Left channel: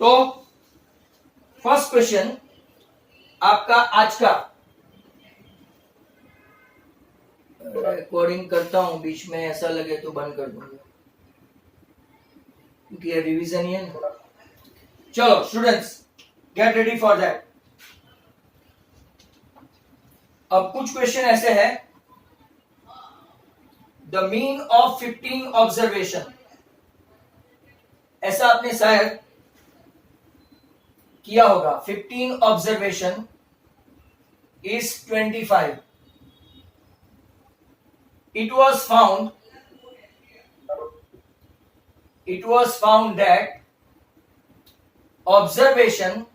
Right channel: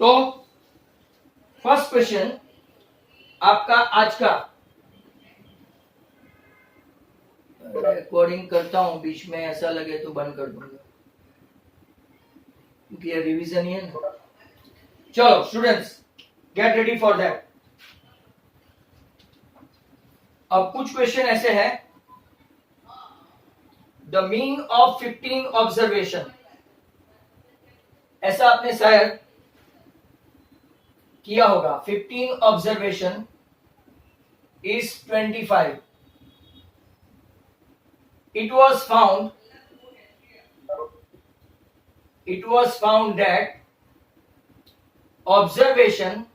तो first question आपका आज का, रिकॉर्डिंग करता हूं, बीच में ऐसा लगे तो बंद कर दूंगा क्योंकि ये रिवीजन ही है ना। चलो students, get ready for that. अब कुछ क्वेश्चन ऐसे है, द मीन ऑफ 15 ऑब्जर्वेशन, ऐसा आपने शायद किया होगा। 15 observation is 25. It was found that observation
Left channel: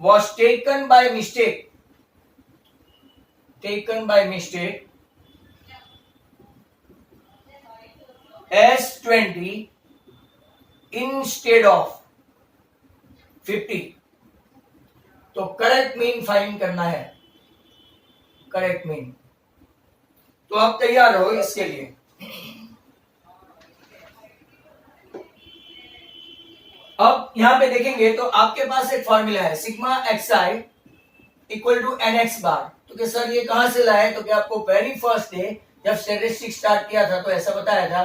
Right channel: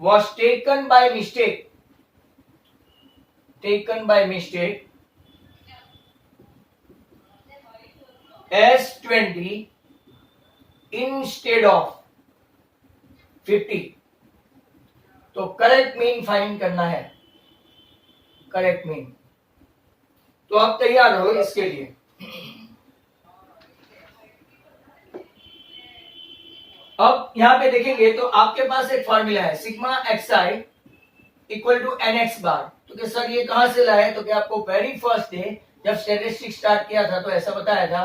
was taken by mistake as 20 instead of 50. तो करेक्ट मीन फाइंड करना है, करेक्ट मीन। तो आप तैयार रहो इसके लिए। अब यहां पे देखेंगे तो आपके पास एक फॉर्मूला है, sigma xi equal to nx bar. तो क्या सर ये कहां से लाए? तो क्या आपको वेरी फर्स्ट डे जब स्टैटिस्टिक्स स्टार्ट किया था तो ऐसा बताया था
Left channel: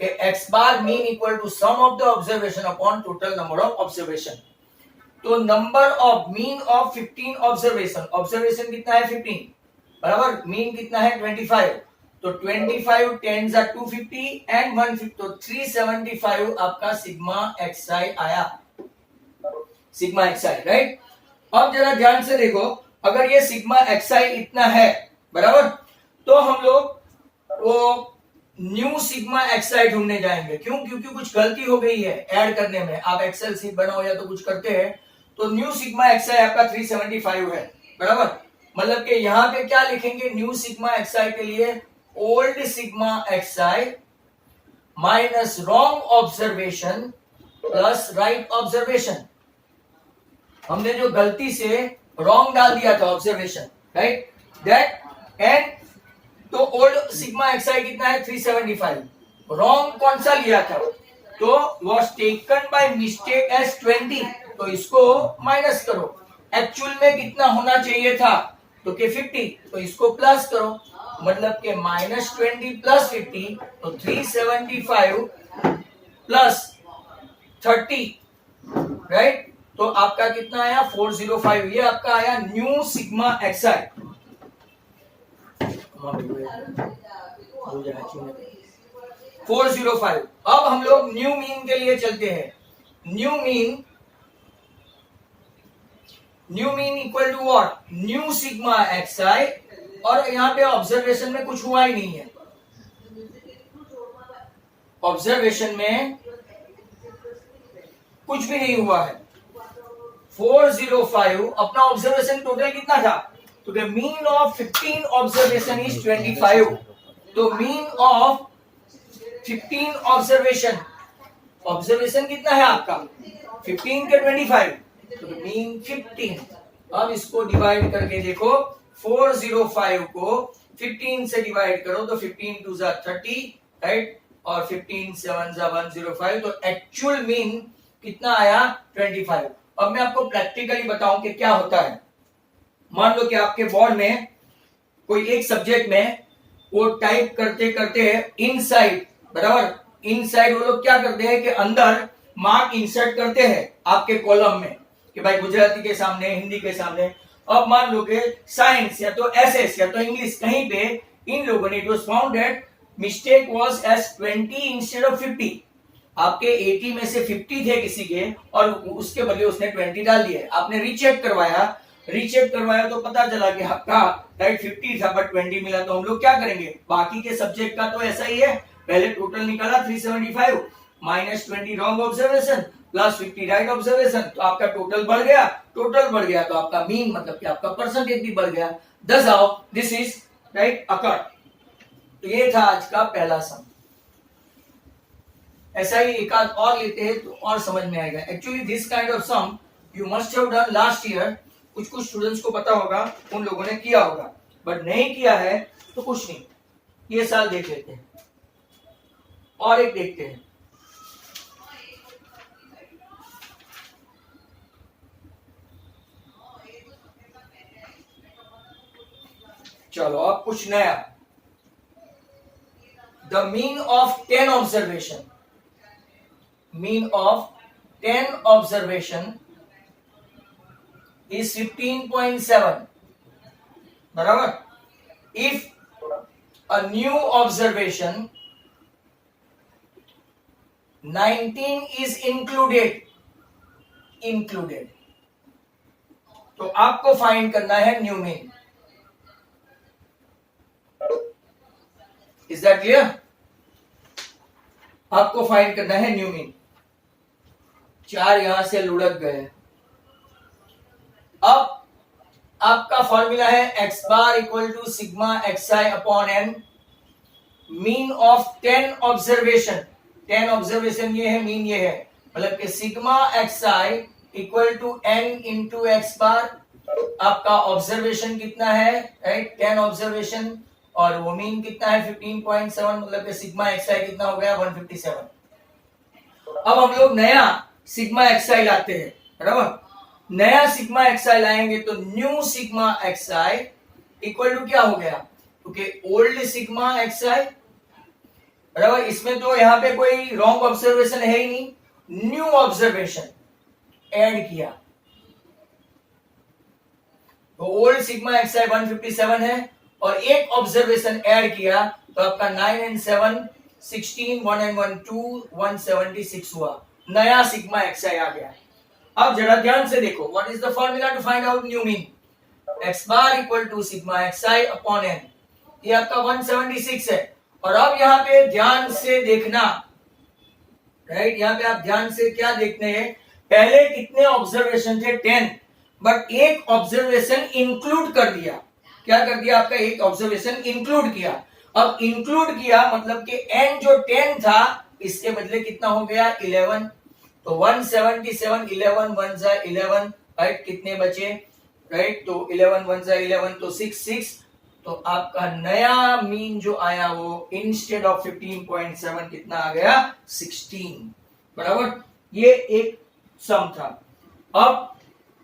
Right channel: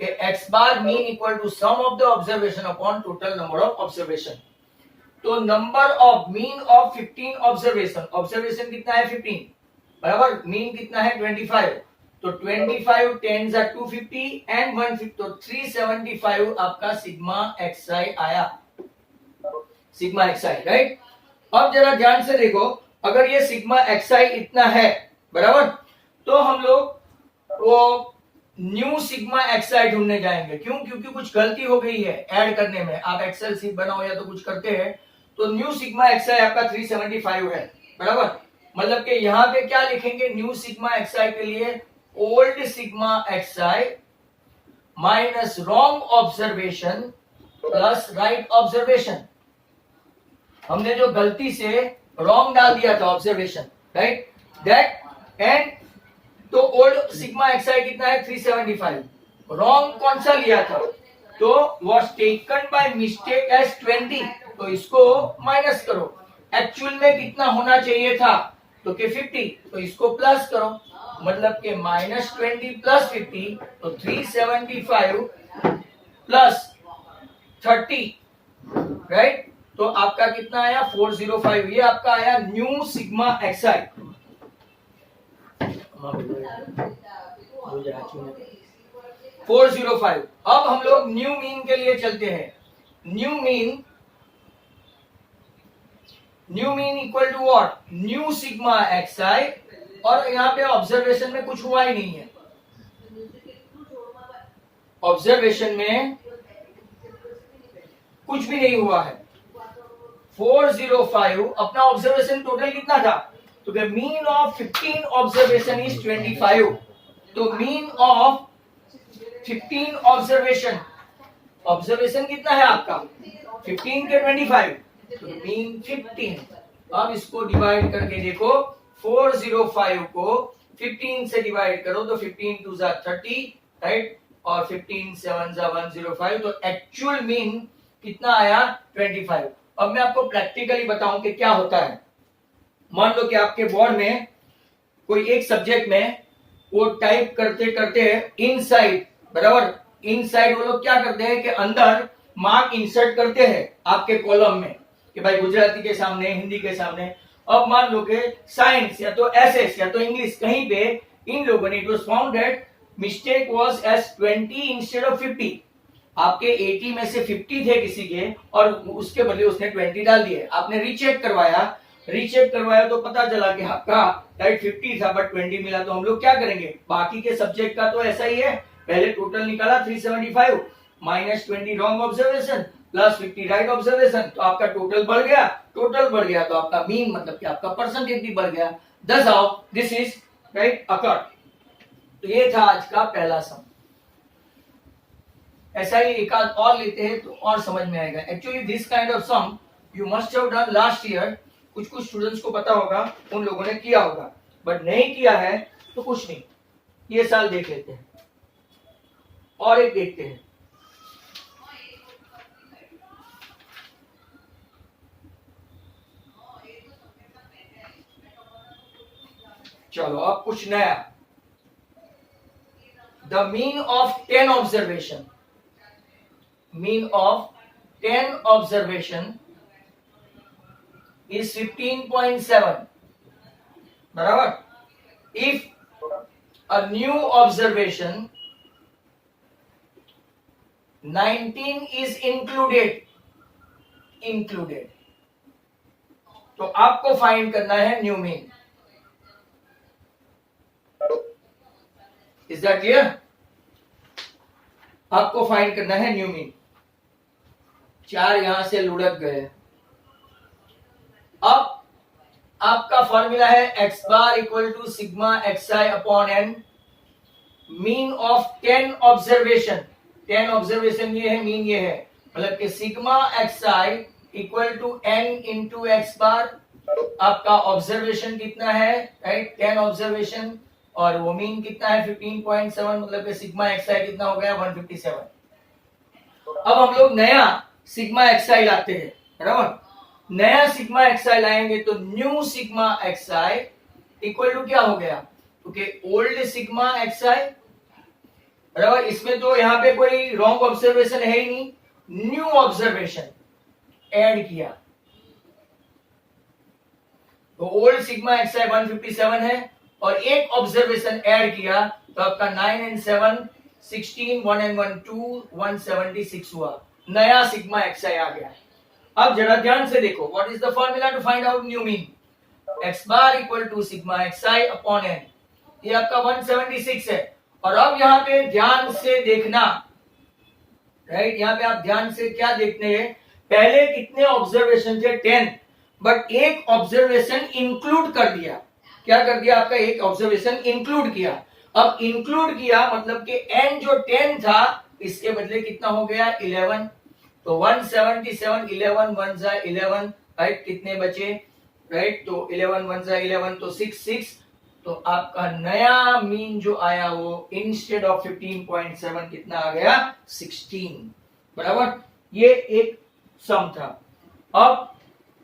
कि x bar mean equal to sum of the observation upon total number of observation. तो number of mean of 15 observation, observation कितना है 15 बराबर मीन कितना है 25। तो 25 10 are 250 एंड 150, तो 375 आपका सिग्मा xi आया, सिग्मा xi, राइट। अब जरा ध्यान से देखो, अगर ये सिग्मा xi इतना है बराबर, तो हम लोग वो न्यू सिग्मा xi ढूंढने जाएंगे। क्यों? क्योंकि कुछ गलती हो गई है ऐड करने में। आप एक्सेल सीट बनाओ या तो कुछ करते हैं, तो न्यू सिग्मा xi आपका 375 है बराबर। मतलब कि यहां पे क्या लिखेंगे न्यू सिग्मा xi के लिए? Old sigma xi minus wrong observation plus right observation. हमने जो गलती से रॉन्ग डाल दिया था ऑब्जर्वेशन, राइट, दैट एंड तो ओल्ड सिग्मा xi कितना है 375, रॉन्ग कौन सा लिया था? तो was taken by mistake as 20, तो इसको माइनस करो। एक्चुअल में कितना होना चाहिए था? तो के 50, तो इसको प्लस करो, मतलब के -20 प्लस 50, तो 375 प्लस 30, राइट। तो आपका कितना आया 405। ये आपका आया न्यू सिग्मा xi। 405। अब हम लोग न्यू मीन के लिए चलते हैं। New mean equal to what? New sigma xi, और यहां पे ऑब्जर्वेशन में कुछ हुआ ही नहीं है, ऑब्जर्वेशन में कुछ भी नहीं हुआ है। 405 अपना ऑब्जर्वेशन टोटल कितना था? तो मीन ऑफ 15 ऑब्जर्वेशन इज 25। तो मीन ऑफ 15 ऑब्जर्वेशन कितना है आपका? 15 के 25, तो मीन 15। अब इसको डिवाइड करके देखो, 405 को 15 से डिवाइड करो तो 15 2 जा 30, राइट, और 15 7 जा 105। तो एक्चुअल मीन कितना आया 25। अब मैं आपको प्रैक्टिकली बताऊं कि क्या होता है। मान लो कि आपके बोर्ड में कोई एक सब्जेक्ट में वो टाइप करते करते इनसाइड बराबर, इनसाइड वो लोग क्या करते हैं कि अंदर मार्क इंसर्ट करते हैं आपके कॉलम में कि भाई गुजराती के सामने, हिंदी के सामने। अब मान लो कि साइंस या तो एसएस या तो इंग्लिश, कहीं पे इन लोगों ने it was found that mistake was as 20 instead of 50। आपके 80 में से 50 थे किसी के और उसके बदले उसने 20 डाल दिए। आपने रीचेक करवाया तो पता चला कि आपका राइट 50 था बट 20 मिला। तो हम लोग क्या करेंगे, बाकी के सब्जेक्ट का तो ऐसा ही है, पहले टोटल निकाला 375 -20 wrong observation plus 50 right observation, तो आपका टोटल बढ़ गया तो आपका मीन मतलब कि आपका परसेंटेज भी बढ़ गया। दस आओ, दिस इज राइट अकर्ड। तो ये था आज का पहला सम। ऐसा ही एक आध और लेते हैं तो और समझ में आएगा। Actually this kind of sum you must have done last year. कुछ स्टूडेंट्स को पता होगा, उन लोगों ने किया होगा, बट नहीं किया है तो कुछ नहीं, ये साल देख लेते हैं। और एक देखते हैं, चलो अब कुछ नया, the mean of 10 observation, mean of 10 observation is 15.7, बराबर. If a new observation 19 is included, तो आपको फाइंड करना है new mean. Is that clear? आपको फाइंड करना है न्यू मीन. 4 यहां से लुढ़क गए. अब आपका फॉर्मूला है x bar equal to sigma x i upon n, mean of 10 observation. 10 observation ये है, मीन ये है, मतलब कि sigma x i equal to n into x bar. आपका ऑब्जर्वेशन कितना है, राइट, 10 ऑब्जर्वेशन, और वो मीन कितना है 15.7, मतलब कि सिग्मा एक्स आई कितना हो गया 157. अब हम लोग नया सिग्मा एक्स आई लाते हैं, बराबर. नया सिग्मा एक्स आई लाएंगे तो new sigma x i equal to क्या हो गया, क्योंकि ओल्ड सिग्मा एक्स आई, बराबर. इसमें तो यहाँ पे कोई रॉन्ग ऑब्जर्वेशन है ही नहीं, न्यू ऑब्जर्वेशन ऐड किया तो ओल्ड सिग्मा एक्स आई 157 है, और एक ऑब्जर्वेशन ऐड किया तो आपका 9 and 7 16, 1 and 1 2 176 हुआ. नया सिग्मा एक्स आई आ गया. अब जरा ध्यान से देखो, what is the formula to find out new mean. X bar equal to sigma x i upon n. ये आपका 176 है. और अब यहाँ पे ध्यान से देखना, राइट, यहाँ पे आप ध्यान से क्या देखते हैं, पहले कितने ऑब्जर्वेशन थे 10, बट एक ऑब्जर्वेशन इंक्लूड कर दिया. क्या कर दिया, आपका एक ऑब्जर्वेशन इंक्लूड किया. अब इंक्लूड किया मतलब कि n जो 10 था इसके बदले कितना हो गया 11. तो 177, 11 1 जा 11, राइट, कितने बचे, राइट, तो 11 1 जा 11, तो 6. तो आपका नया मीन जो आया वो इंस्टेड ऑफ 15.7 कितना आ गया 16, बराबर. ये एक सम था. अब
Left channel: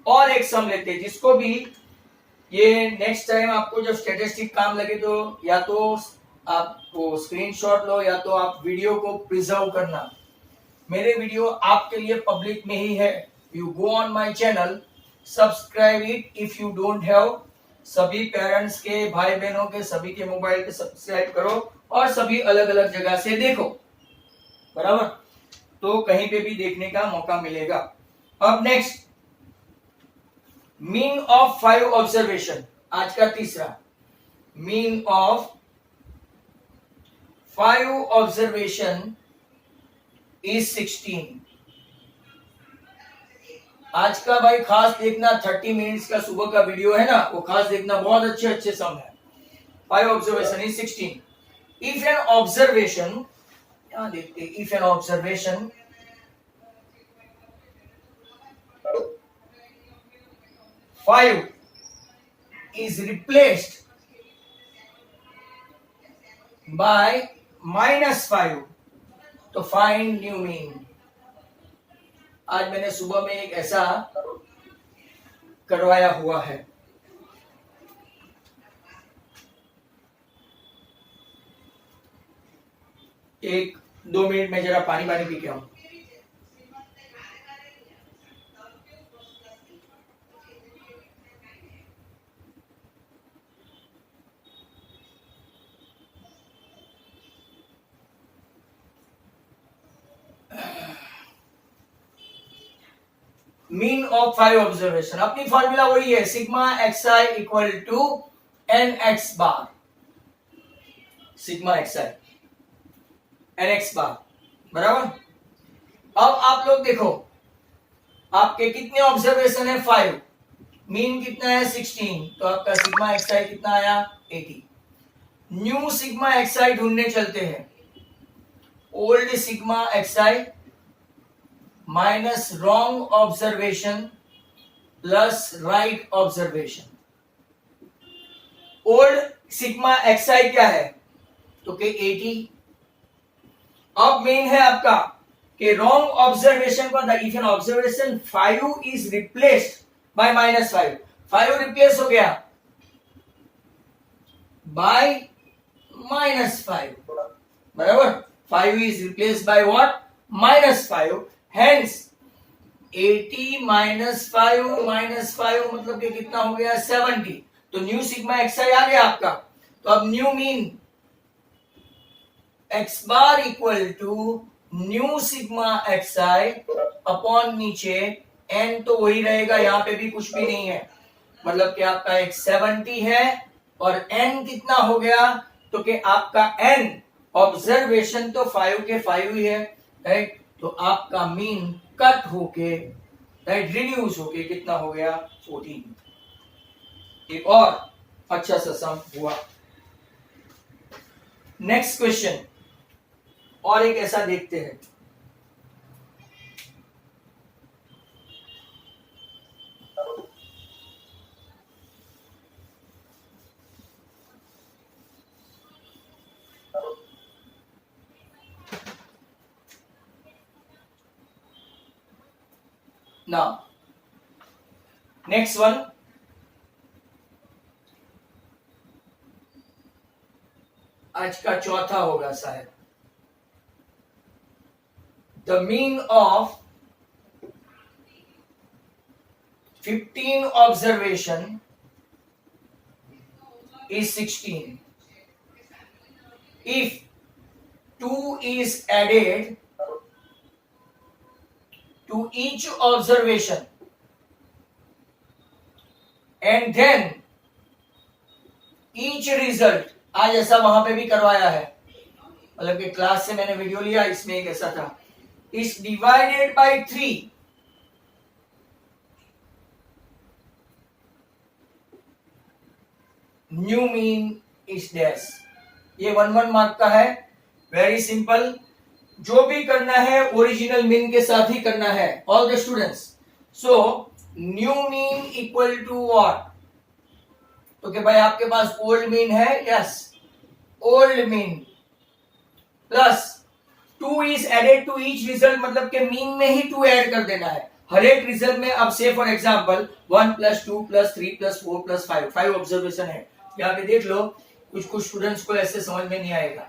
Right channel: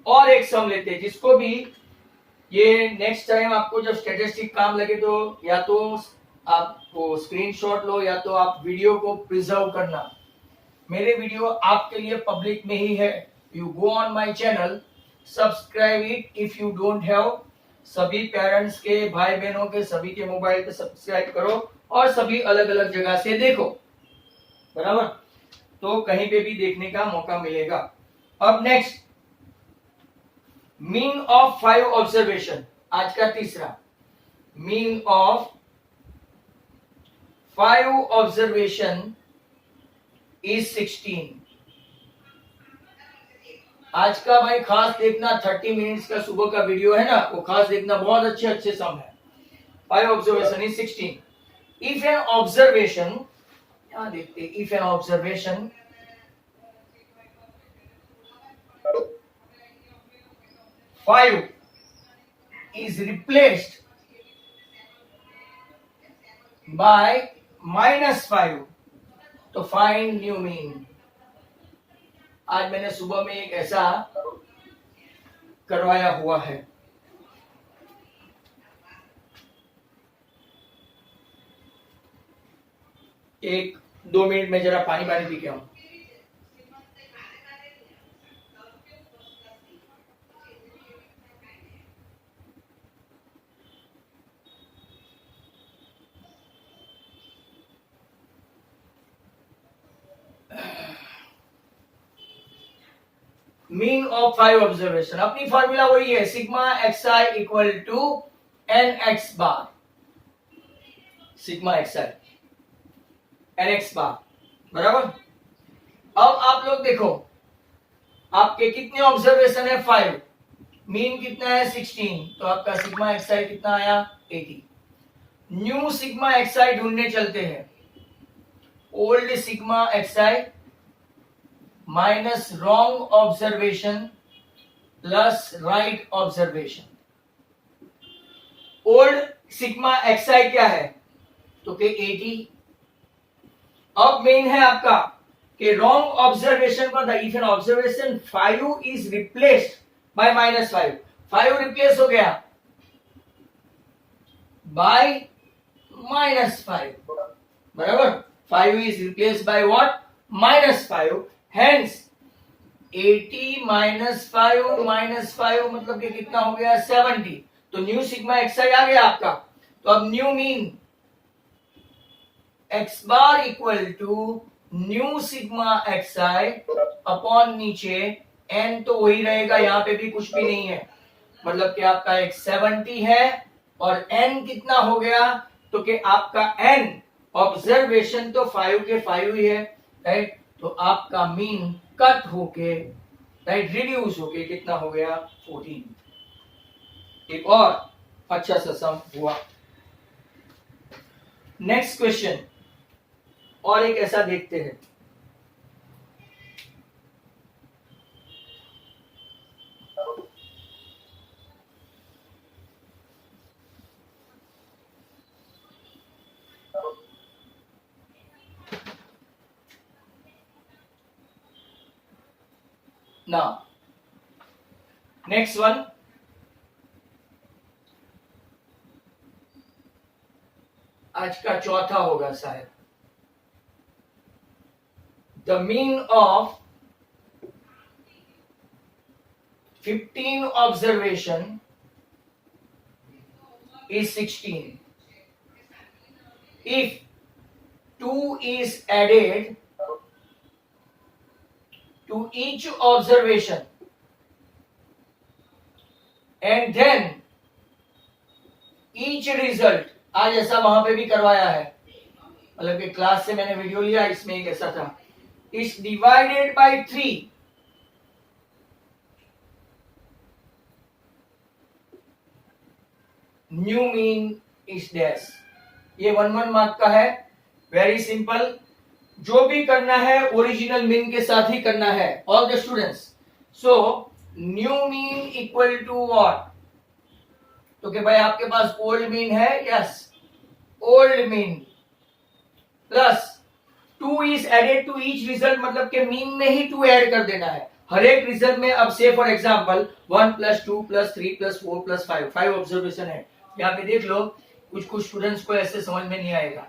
और एक सम लेते हैं जिसको भी ये नेक्स्ट टाइम आपको जब स्टैटिस्टिक काम लगे तो या तो आप वो स्क्रीनशॉट लो या तो आप वीडियो को प्रिजर्व करना. मेरे वीडियो आपके लिए पब्लिक में ही है. You go on my channel, subscribe it if you don't have. सभी पेरेंट्स के, भाई बहनों के, सभी के मोबाइल पे सब्सक्राइब करो और सभी अलग अलग जगह से देखो, बराबर. तो कहीं पे भी देखने का मौका मिलेगा. अब नेक्स्ट, मीन ऑफ 5 ऑब्जर्वेशन, आज का तीसरा. Mean of 5 observation is 16. आज का भाई खास देखना, 30 मिनट्स का सुबह का वीडियो है ना, वो खास देखना, बहुत अच्छे अच्छे सम है. 5 observation is 16. If n observation, यहां देखते, if n observation five is replaced by -5, तो फाइंड न्यू मीन. आज मैंने सुबह में एक ऐसा करवाया हुआ है. एक 2 मिनट में जरा पानी पी के आऊं. मीन ऑफ 5 ऑब्जर्वेशन, अपनी फॉर्मूला वही है, sigma x i equal to n x bar. Sigma x i n x bar, बराबर. अब आप लोग देखो, आपके कितने ऑब्जर्वेशन है 5, मीन कितना है 16, तो आपका सिग्मा एक्स आई कितना आया 80. न्यू सिग्मा एक्स आई ढूंढने चलते हैं. Old sigma x i minus wrong observation plus right observation. Old sigma x i क्या है, तो के 80. अब मेन है आपका कि रॉन्ग ऑब्जर्वेशन पर the if n observation 5 is replaced by -5, 5 replace हो गया by -5. बराबर, 5 is replaced by what? -5. Hence 80 -5 मतलब कि कितना हो गया? 70. तो न्यू सिग्मा एक्स आई आ गया आपका. तो अब new mean x bar equal to new sigma x i upon नीचे एन, तो वही रहेगा, यहां पे भी कुछ भी नहीं है. मतलब कि आपका एक 70 है और एन कितना हो गया? तो कि आपका एन ऑब्जर्वेशन तो 5 के 5 ही है, राइट. तो आपका मीन कट होके, राइट, रिड्यूस होके कितना हो गया? 14. एक और अच्छा सा सम हुआ. नेक्स्ट क्वेश्चन और एक ऐसा देखते हैं. Now, next one. आज का चौथा होगा शायद. The mean of 15 observation is 16. If 2 is added to each observation and then each result, आज ऐसा वहां पे भी करवाया है, मतलब कि क्लास से मैंने वीडियो लिया, इसमें एक ऐसा था, is divided by 3, new mean is dash. ये 1 मार्क का है. Very simple. जो भी करना है ओरिजिनल मीन के साथ ही करना है, all the students. So new mean equal to what? तो कि भाई आपके पास ओल्ड मीन है, yes, old mean plus 2 is added to each result, मतलब के मीन में ही 2 ऐड कर देना है हर एक रिजल्ट में. अब से फॉर एग्जांपल 1 + 2 + 3 + 4 + 5, 5 ऑब्जर्वेशन है. यहाँ पे देख लो, कुछ स्टूडेंट्स को ऐसे समझ में नहीं आएगा.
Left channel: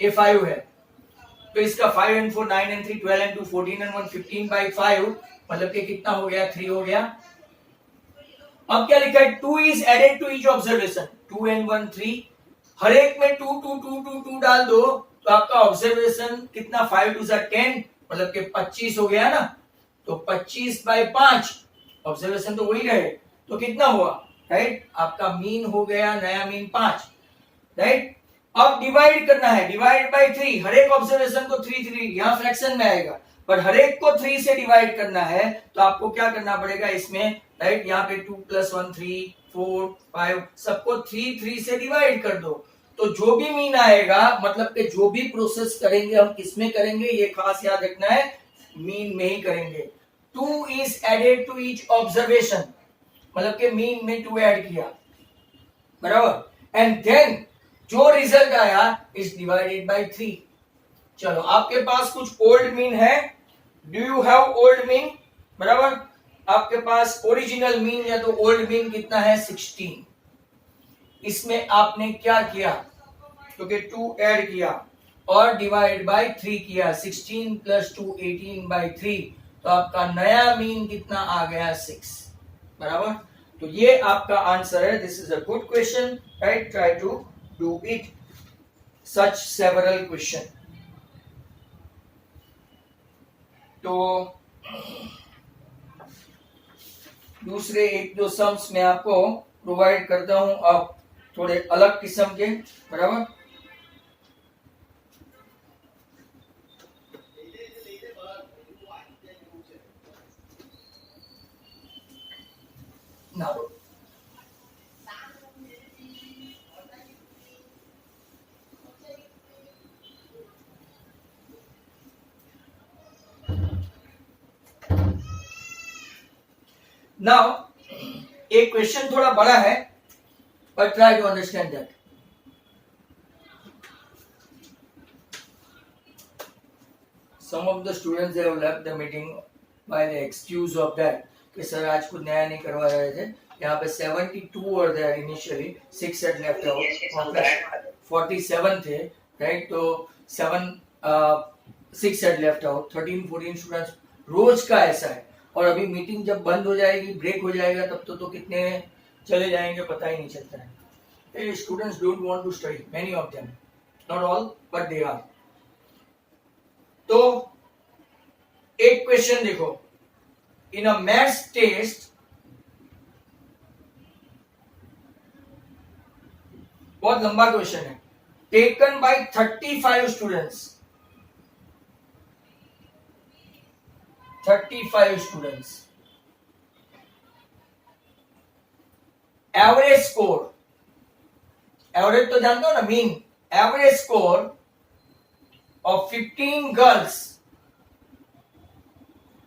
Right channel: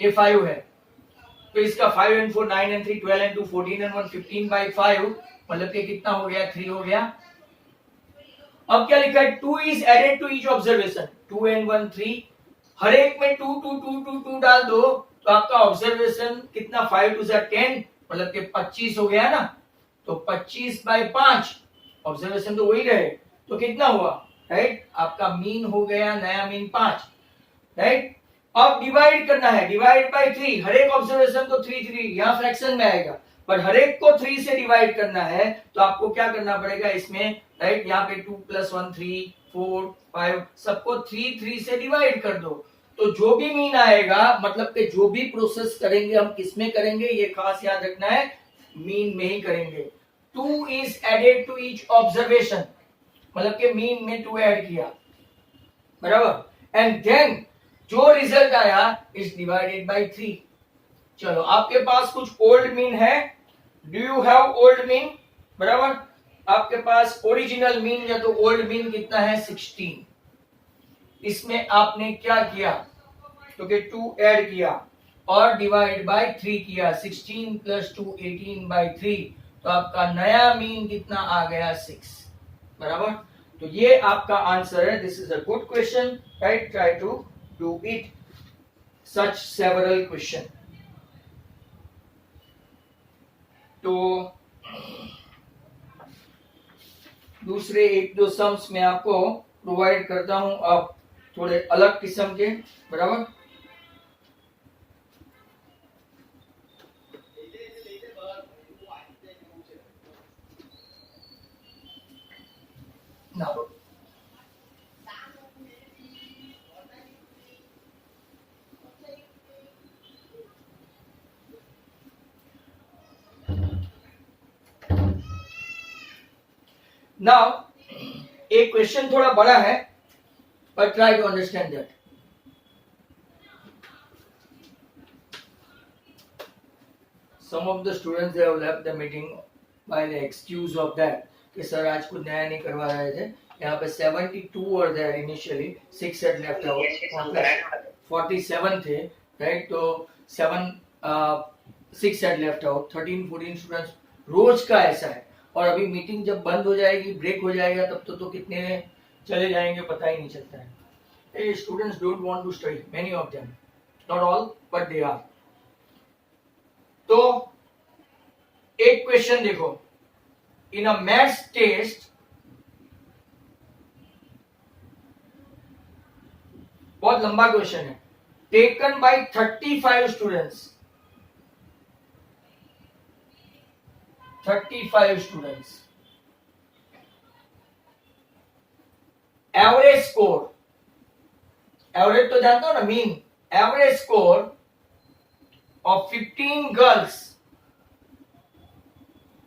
ये 5 है, तो इसका 5 and 4 9 and 3 12 and 2 14 and 1 15/5, मतलब कि कितना हो गया? 3 हो गया. अब क्या लिखा है? 2 is added to each observation. 2 and 1 3, हर एक में 2 2 2 2 2 डाल दो, तो आपका ऑब्जर्वेशन कितना? 5 2 10, मतलब कि 25 हो गया ना. तो 25/5 ऑब्जर्वेशन तो वही रहे, तो कितना हुआ? राइट, आपका मीन हो गया, नया मीन 5, राइट. अब डिवाइड करना है, डिवाइड बाय 3. हर एक ऑब्जर्वेशन को 3 3, यहां फ्रैक्शन में आएगा, पर हर एक को 3 से डिवाइड करना है, तो आपको क्या करना पड़ेगा इसमें? राइट, यहाँ पे 2 + 1 3 4 5, सबको 3 3 से डिवाइड कर दो. तो जो भी मीन आएगा, मतलब कि जो भी प्रोसेस करेंगे हम किसमें करेंगे, ये खास याद रखना है, मीन में ही करेंगे. 2 is added to each observation, मतलब कि मीन में 2 ऐड किया, बराबर. एंड देन जो रिजल्ट आया इज डिवाइडेड बाय 3. चलो, आपके पास कुछ ओल्ड मीन है. Do you have old mean? बराबर, आपके पास ओरिजिनल मीन या तो ओल्ड मीन कितना है? 16. इसमें आपने क्या किया? क्योंकि 2 ऐड किया और डिवाइड बाय 3 किया. 16 + 2 18/3, तो आपका नया मीन कितना आ गया? 6. बराबर. तो ये आपका आंसर है. This is a good question, right. Try to do it such several question. तो दूसरे 1-2 सम्स मैं आपको प्रोवाइड करता हूं, अब थोड़े अलग किस्म के, बराबर. Now, एक क्वेश्चन थोड़ा बड़ा है, but try to understand that. Some of the students have left the meeting by the excuse of that कि सर आज कुछ नया नहीं करवा रहे थे, यहाँ पे 72 were there initially, 6 set left out, 47 थे, राइट? तो 6 सेट लेफ्ट आउट, 13-14 स्टूडेंट्स रोज का ऐसा है। और अभी मीटिंग जब बंद हो जाएगी, ब्रेक हो जाएगा, तब तो कितने चले जाएंगे पता ही नहीं चलता है। Students don't want to study, many of them, not all but they are. तो एक क्वेश्चन देखो, इन अ मैथ्स टेस्ट, बहुत लंबा क्वेश्चन है, taken by 35 students, 35 students, average score, average तो जानते हो ना, mean, average score of 15 girls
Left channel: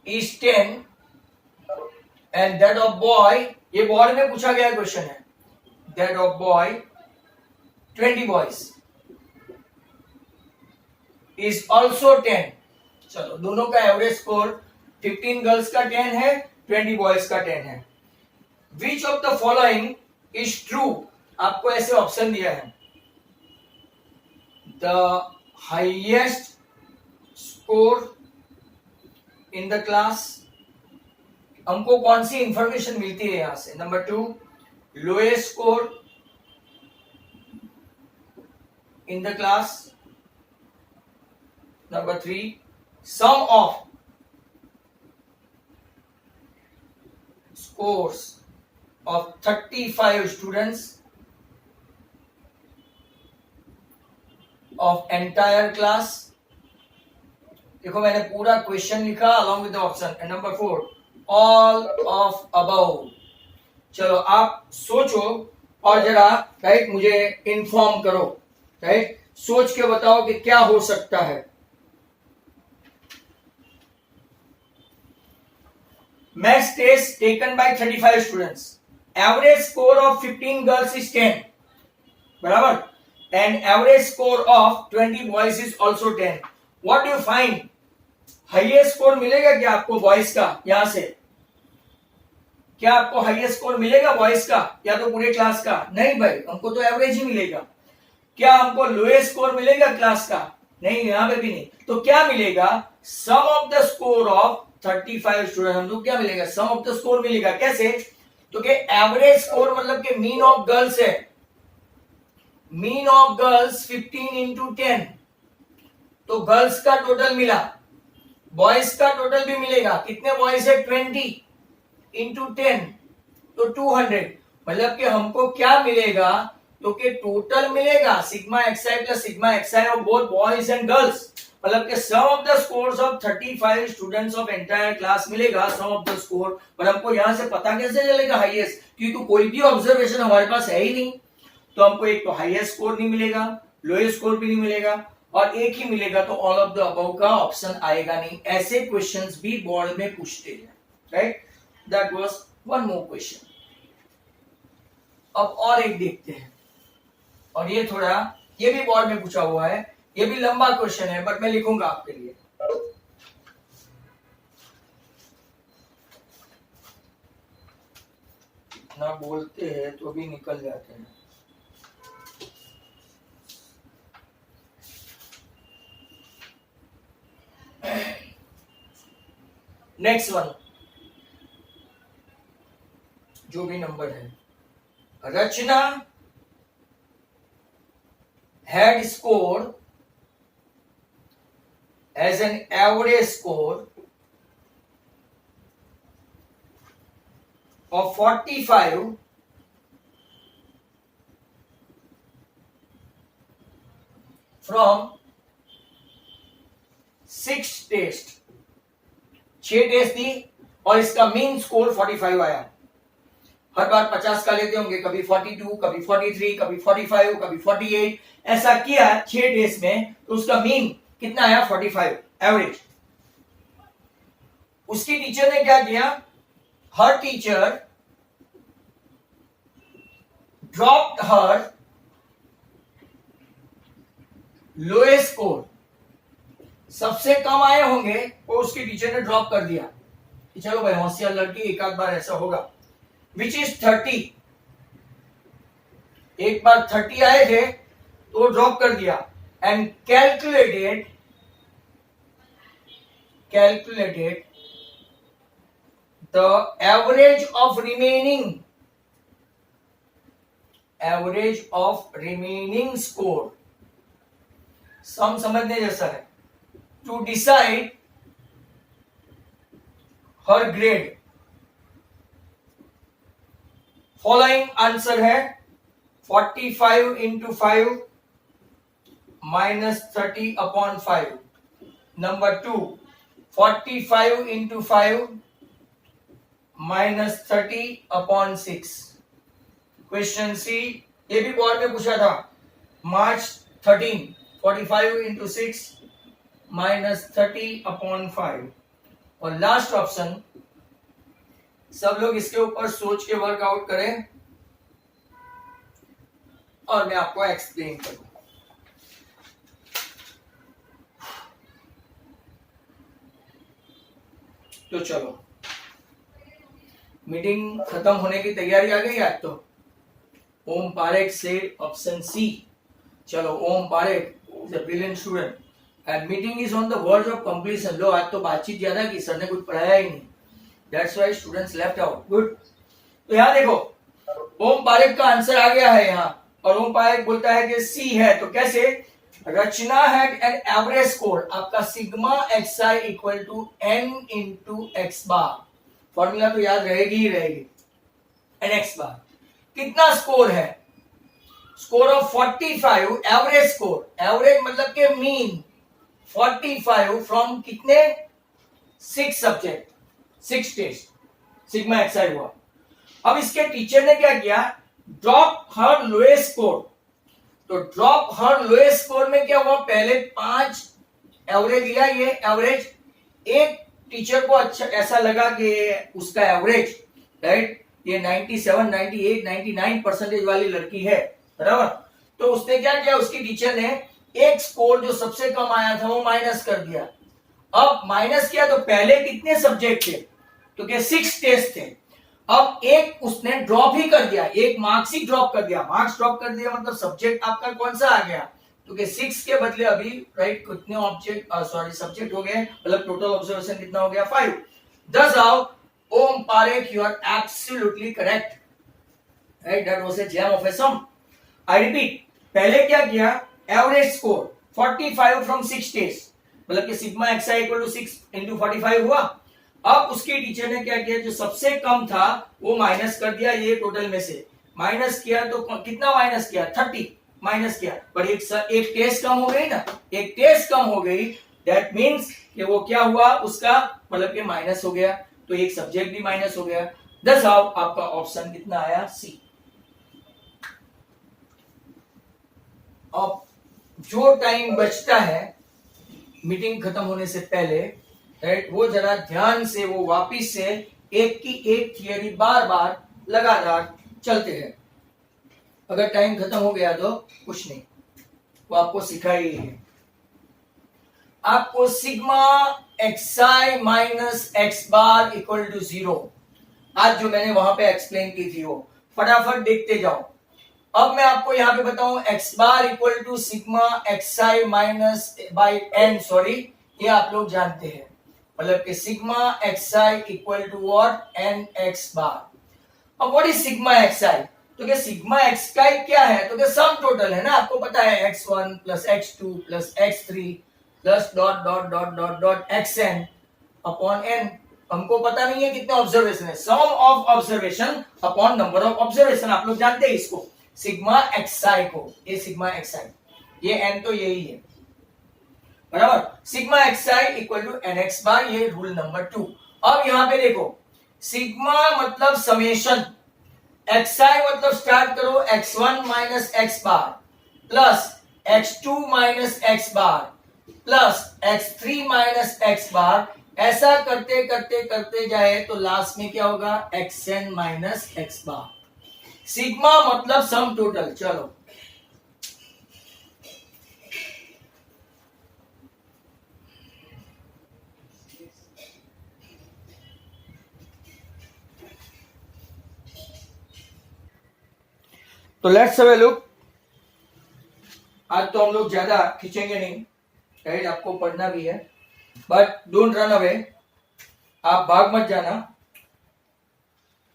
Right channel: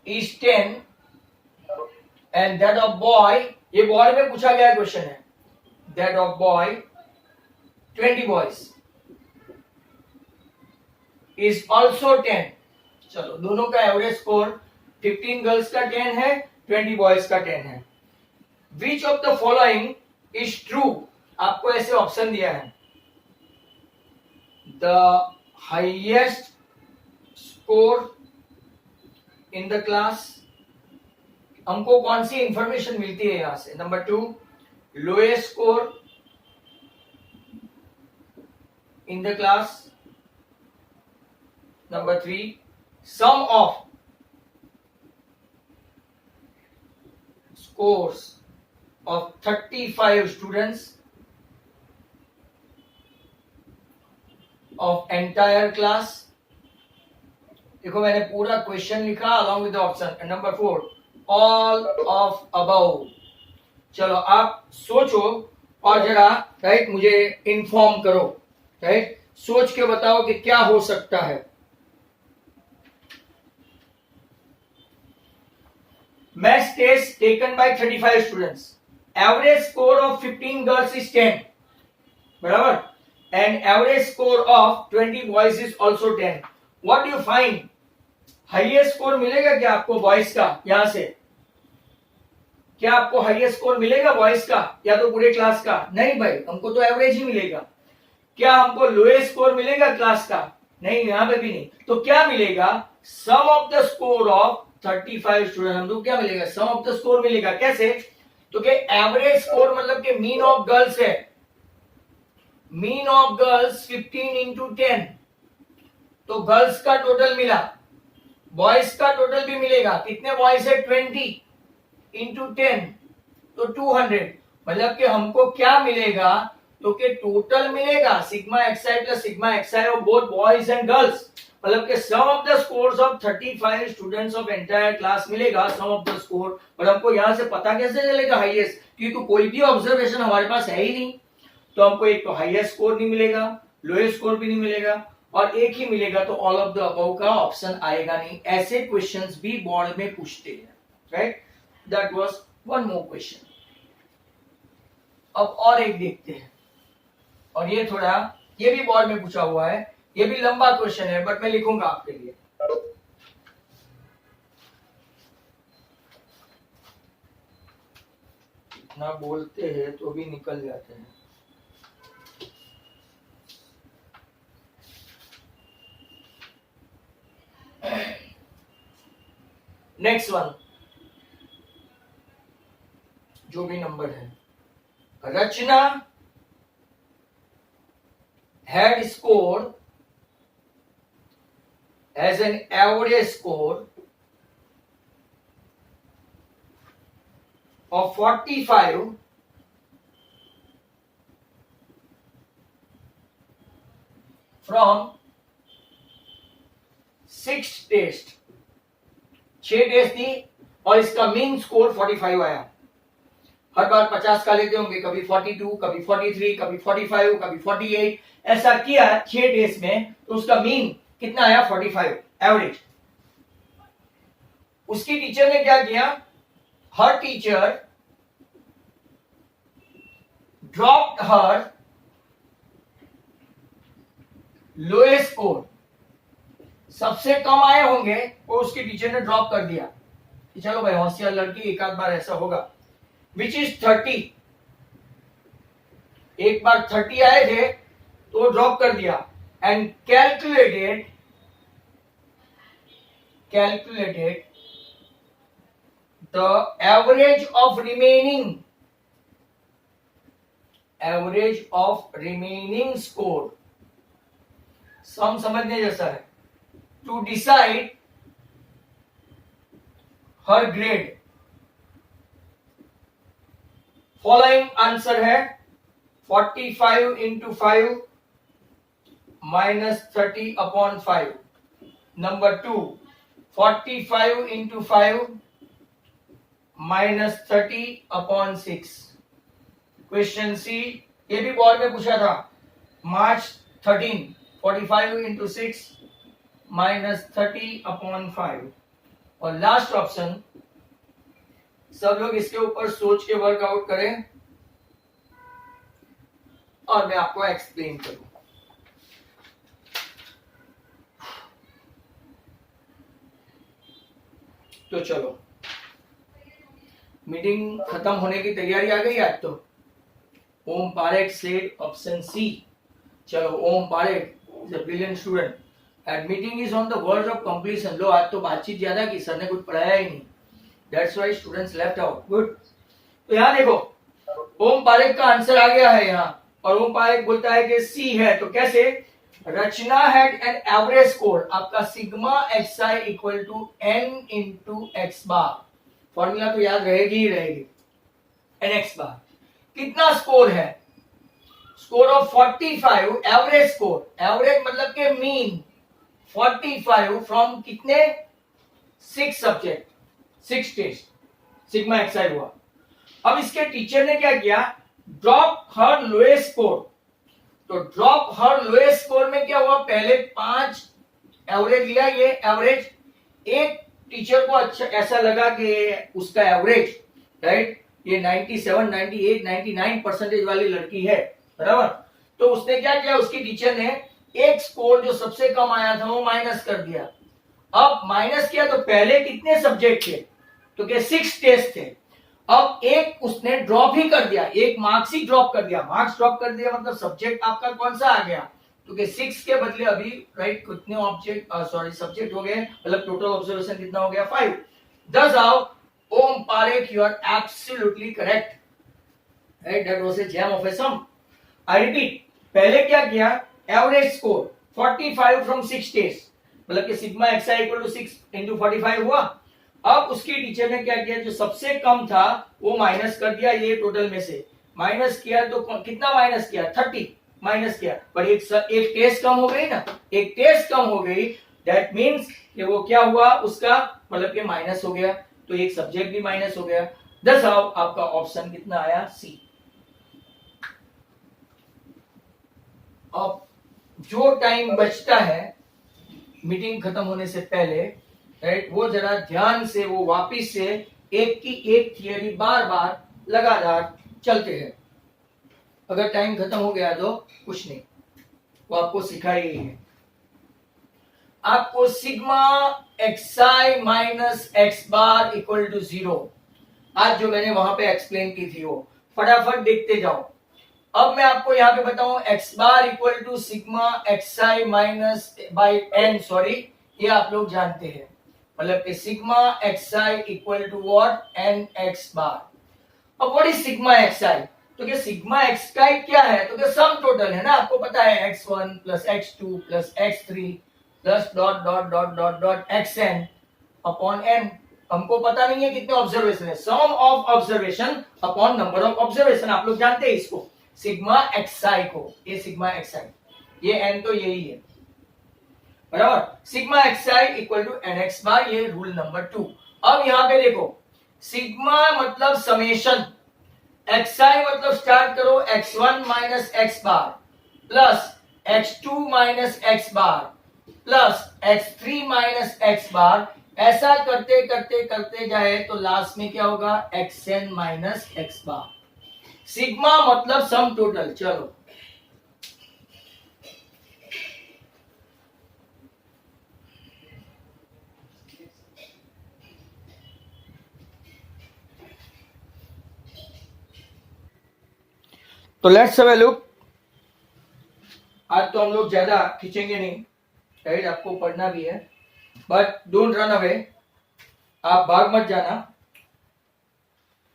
is 10 and that of boy, ये बोर्ड में पूछा गया क्वेश्चन है, that of boy 20 boys is also 10। चलो, दोनों का एवरेज स्कोर 15 गर्ल्स का 10 है, 20 बॉयज का 10 है। Which of the following is true? आपको ऐसे ऑप्शन दिया है, the highest score in the class, हमको कौन सी इंफॉर्मेशन मिलती है यहां से? Number 2, lowest score in the class, number 3, sum of scores of 35 students of entire class। देखो, मैंने पूरा क्वेश्चन लिखा along with the option, and number 4, all of above। चलो, आप सोचो और जरा, राइट, मुझे इन्फॉर्म करो, राइट, सोच के बताओ कि क्या हो सकता है। Maths test taken by 35 students. Average score of 15 girls is 10. बराबर? And average score of 20 boys is also 10. What do you find? Highest score मिलेगा क्या आपको boys का यहां से? क्या आपको highest score मिलेगा boys का या तो पूरे क्लास का? नहीं भाई, हमको तो एवरेज ही मिलेगा। क्या हमको लोएस्ट स्कोर मिलेगा क्लास का? नहीं, यहां पे भी नहीं। तो क्या मिलेगा? Sum of the score of 35 student, हमको क्या मिलेगा? सम ऑफ द स्कोर मिलेगा। कैसे? तो कि एवरेज स्कोर मतलब कि मीन ऑफ गर्ल्स है, मीन ऑफ गर्ल्स 15 इंटू 10, तो गर्ल्स का टोटल मिला, बॉयज का टोटल भी मिलेगा। कितने बॉयज है? 20 इंटू 10, तो 200। मतलब कि हमको क्या मिलेगा? तो कि टोटल मिलेगा sigma x i plus sigma x i of both boys and girls, मतलब कि sum of the scores of 35 students of entire class मिलेगा, सम ऑफ द स्कोर। पर हमको यहां से पता कैसे चलेगा हाईएस्ट? क्योंकि तो कोई भी ऑब्जर्वेशन हमारे पास है ही नहीं, तो हमको एक तो हाईएस्ट स्कोर नहीं मिलेगा, लोएस्ट स्कोर भी नहीं मिलेगा, और एक ही मिलेगा, तो ऑल ऑफ द अबव का ऑप्शन आएगा नहीं। ऐसे क्वेश्चंस भी बोर्ड में पूछते हैं, right? That was one more question. अब और एक देखते हैं, और ये थोड़ा, ये भी बोर्ड में पूछा हुआ है, ये भी लंबा क्वेश्चन है, बट मैं लिखूंगा आपके लिए। इतना बोलते हैं तो भी निकल जाते हैं। नेक्स्ट वन, जो भी नंबर है, रचना had scored as an average score of 45 from 6 test, 6 test दी और इसका मीन स्कोर 45 आया। हर बार 50 का लेते होंगे, कभी 42, कभी 43, कभी 45, कभी 48, ऐसा किया 6 टेस्ट में, तो उसका मीन कितना आया? 45 एवरेज। उसकी टीचर ने क्या किया? हर टीचर ड्रॉप्ड हर लोएस्ट स्कोर, सबसे कम आए होंगे वो उसकी टीचर ने ड्रॉप कर दिया कि चलो भाई होशियार लड़की, एक आध बार ऐसा होगा। Which is 30। एक बार 30 आए थे तो ड्रॉप कर दिया, and calculated the average of remaining score। सम समझने जैसा है। To decide her grade. Following answer है 45 into 5 minus 30 upon 5। Number 2 45 into 5 minus 30 upon 6। Question C, ये भी बोर्ड में पूछा था, मार्च 13 45 इंटू 6 माइनस 30 अपॉन 5। और लास्ट ऑप्शन, सब लोग इसके ऊपर सोच के वर्कआउट करें और मैं आपको एक्सप्लेन करूं। तो चलो, मीटिंग खत्म होने की तैयारी आ गई आज। तो Om Parekh said option C. चलो, Om Parekh is a brilliant student and meeting is on the verge of completion. लो, आज तो बातचीत ज्यादा की, सर ने कुछ पढ़ाया ही नहीं, that's why students left out. Good. तो यहाँ देखो, ओम पारेख का आंसर आ गया है यहाँ, और ओम पारेख बोलता है कि सी है। तो कैसे? Rachna had an average score, आपका sigma xi equal to n into x bar. Formula तो याद रहेगी ही रहेगी। nx बार कितना स्कोर है? Score of 45, average score, average मतलब के मीन 45 फ्रॉम कितने? 6 सब्जेक्ट, 6 टेस्ट, सिग्मा xi हुआ। अब इसके टीचर ने क्या किया? Drop her lowest score. तो ड्रॉप हर लोएस्ट स्कोर में क्या हुआ? पहले 5 एवरेज लिया, ये एवरेज। एक टीचर को अच्छा ऐसा लगा कि उसका एवरेज, राइट, ये 97, 98, 99% वाली लड़की है, बराबर। तो उसने क्या किया? उसकी टीचर ने एक स्कोर जो सबसे कम आया था वो माइनस कर दिया। अब माइनस किया तो पहले कितने सब्जेक्ट थे? तो क्या 6 टेस्ट थे। अब एक उसने ड्रॉप ही कर दिया, एक मार्क्स ही ड्रॉप कर दिया। मार्क्स ड्रॉप कर दिया मतलब सब्जेक्ट आपका कौन सा आ गया? तो कि 6 के बदले अभी, राइट, कितने ऑब्जेक्ट, सॉरी, सब्जेक्ट हो गए, मतलब टोटल ऑब्जर्वेशन कितना हो गया? 5। दस आओ, Om Parekh, you are absolutely correct, right, that was a gem of a sum. I repeat, पहले क्या किया? एवरेज स्कोर 45 फ्रॉम 6 टेस्ट, मतलब कि sigma xi equal to 6 into 45 हुआ। अब उसकी टीचर ने क्या किया? जो सबसे कम था वो माइनस कर दिया, ये टोटल में से माइनस किया। तो कितना माइनस किया? 30 माइनस किया। पर एक टेस्ट कम हो गई ना, एक टेस्ट कम हो गई, दैट मीन्स कि वो क्या हुआ उसका, मतलब कि माइनस हो गया। तो एक सब्जेक्ट भी माइनस हो गया। दस आओ, आपका ऑप्शन कितना आया? सी। अब जो टाइम बचता है मीटिंग खत्म होने से पहले, राइट, वो जरा ध्यान से, वो वापिस से एक की एक थियरी बार बार लगातार चलते हैं। अगर टाइम खत्म हो गया तो कुछ नहीं, वो आपको सिखाई ही है। आपको sigma xi minus x bar equal to 0, आज जो मैंने वहां पे एक्सप्लेन की थी वो फटाफट देखते जाओ। अब मैं आपको यहाँ पे बताऊं, x bar equal to sigma xi minus by n, sorry, ये आप लोग जानते हैं, मतलब कि sigma xi equal to what? n x bar. अब व्हाट इज सिग्मा xi? तो क्या सिग्मा xi क्या है? तो क्या सम टोटल है ना, आपको पता है, x1 plus x2 plus x3 plus dot dot dot dot dot xn upon n। हमको पता नहीं है कितने ऑब्जर्वेशन है, sum of observation upon number of observation, आप लोग जानते हैं इसको, सिग्मा xi को, ये सिग्मा xi, ये n तो यही है, बराबर। Sigma xi equal to nx bar, ये रूल नंबर 2। अब यहां पे देखो, सिग्मा मतलब समेशन, xi मतलब स्टार्ट करो x1 minus x bar plus x2 minus x bar plus x3 minus x बार, ऐसा करते करते करते जाए तो लास्ट में क्या होगा? xn minus x bar. Sigma मतलब सम टोटल। चलो, तो लेट्स हैव अ लुक। आज तो हम लोग ज्यादा खींचेंगे नहीं, राइट, आपको पढ़ना भी है, बट डोंट रन अवे, आप भाग मत जाना,